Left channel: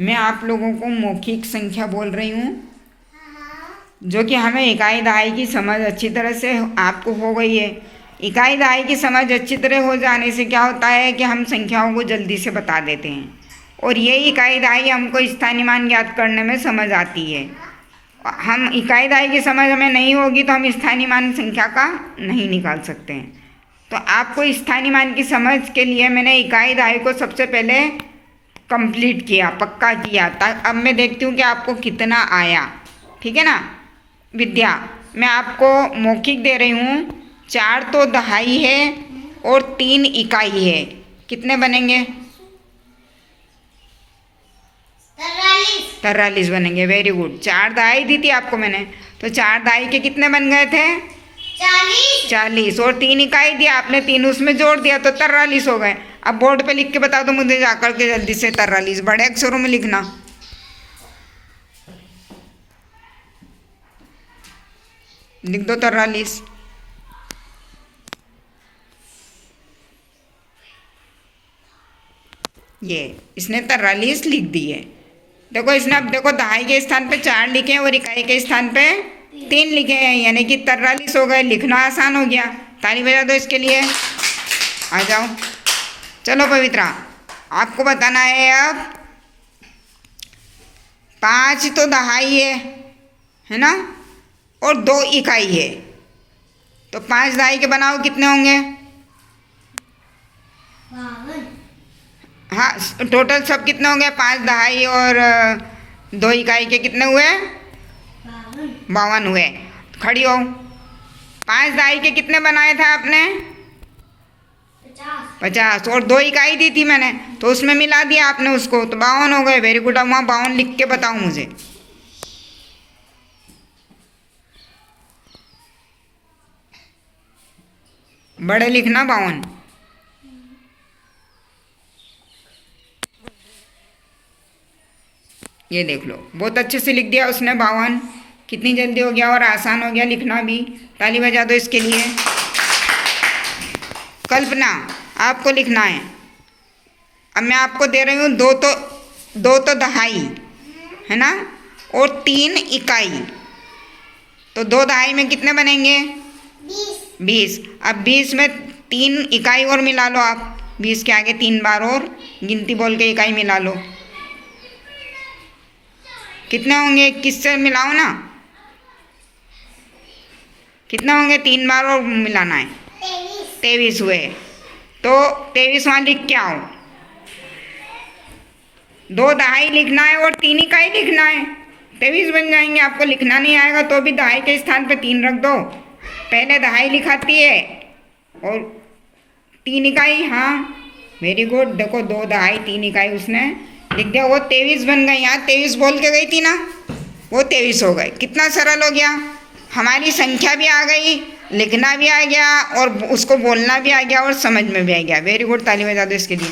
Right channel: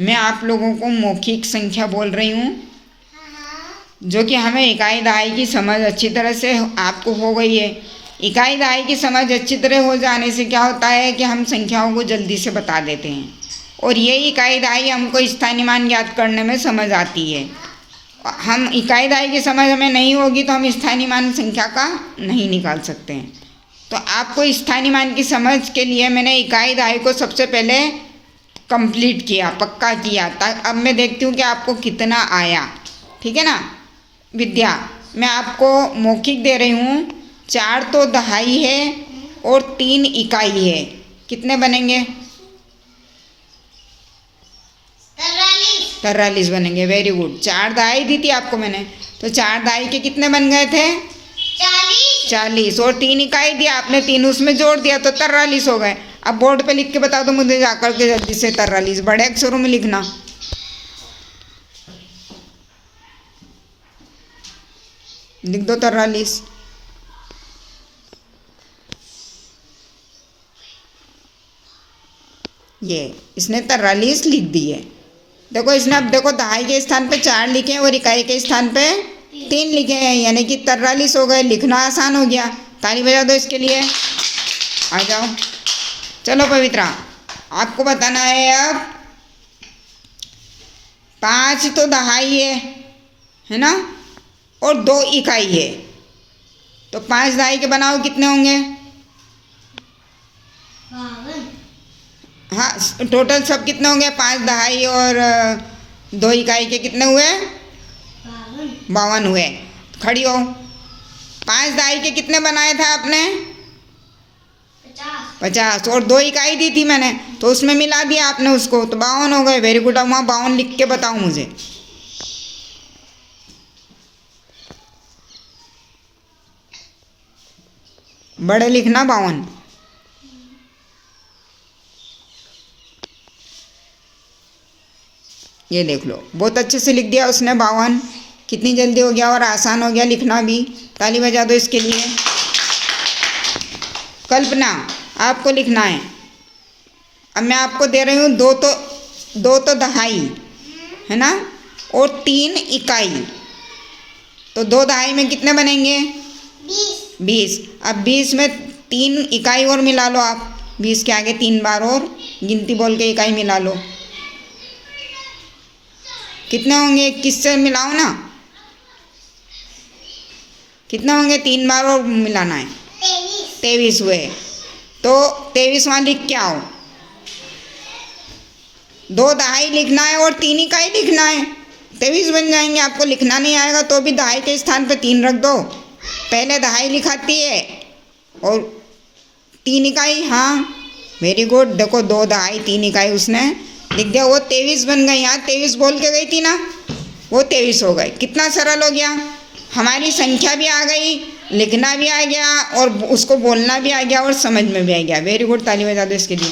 मैं आप लोगों को मौखिक संख्या बोल रही हूँ, जो कि हमें इकाई दहाई की समझ अच्छी तरह से आपको हो गई है। इकाई दहाई की समझ अच्छी तरह हो जाने से क्या होता है कि हम संख्याओं को जल्दी से बता देते हैं, और ये इकाई दहाई हमको स्थानीय मान ज्ञात करने में समझ आती है। हम इकाई दहाई की समझ हमें नहीं होगी तो हम स्थानीय मान संख्या का नहीं निकाल सकते हैं। तो आपको स्थानीय मान की समझ के लिए मैंने इकाई दहाई को सबसे पहले कंप्लीट किया, पक्का किया। अब मैं देखती हूँ कि आपको कितना आया। ठीक है ना विद्या, मैं आपको मौखिक दे रही हूँ। 4 तो दहाई है और 3 इकाई है, कितने बनेंगे? 43 बनेंगे। Very good. 4 दहाई दी थी आपको मैंने, तो 4 दहाई के कितने बन गए थे? 40। और 3 इकाई दिया आपने, 3 उसमें जोड़ दिया तो 43 हो गए। अब बोर्ड पे लिख के बता दो मुझे जाकर के जल्दी से। 43 बड़े अक्षरों में लिखना। लिख दो 43। ये इसने 43 लिख दिए। देखो इसने, अब देखो दहाई के स्थान पे 4 लिखे और इकाई के स्थान पे 3 लिखे हैं, यानी कि 43 हो गए। लिखना आसान हो गया। ताली बजा दो इसके लिए। आ जाओ, चलो पवित्रा, आपको बताना है अब। 5 तो दहाई है ना, और 2 इकाई है, तो 5 दहाई के बनाओ कितने होंगे? हाँ, टोटल सब कितने होंगे? 5 दहाई और 2 इकाई के कितने हुए? 52 हुए। खड़ी हो। 5 दहाई के कितने बनाए थे आपने? 50। और 2 इकाई दी थी मैंने, तो उसमें मिला दिया आपने उसको, तो 52 हो गए। Very good. अब वहाँ 52 लिख के बताओ मुझे। बड़े लिखना 52। ये देख लो, बहुत अच्छे से लिख दिया उसने 52। कितनी जल्दी हो गया और आसान हो गया लिखना भी। ताली बजा दो इसके लिए। कल्पना, आपको लिखना है। अब मैं आपको दे रही हूँ 2 तो दहाई है ना, और 3 इकाई, तो 2 दहाई में कितने बनेंगे? 20। अब 20 में 3 इकाई और मिला लो आप। 20 के आगे 3 बार और गिनती बोल के इकाई मिला लो। कितने होंगे? 21 से मिलाओ ना। कितने होंगे? 3 बार और मिलाना है। 23 हुए। तो 23 वहाँ लिख के आओ। 2 दहाई लिखना है और 3 इकाई लिखना है, 23 बन जाएंगे। आपको लिखना नहीं आएगा तो भी दहाई के स्थान पे 3 रख दो। पहले दहाई लिखाती है और 3 इकाई। हाँ वेरी गुड। देखो 2 दहाई 3 इकाई उसने लिख दिया, वो 23 बन गई। यहाँ 23 बोल के गई थी ना, वो 23 हो गए। कितना सरल हो गया। हमारी संख्या भी आ गई, लिखना भी आ गया, और उसको बोलना भी आ गया, और समझ में भी आ गया। Very good. ताली बजा दो इसके लिए।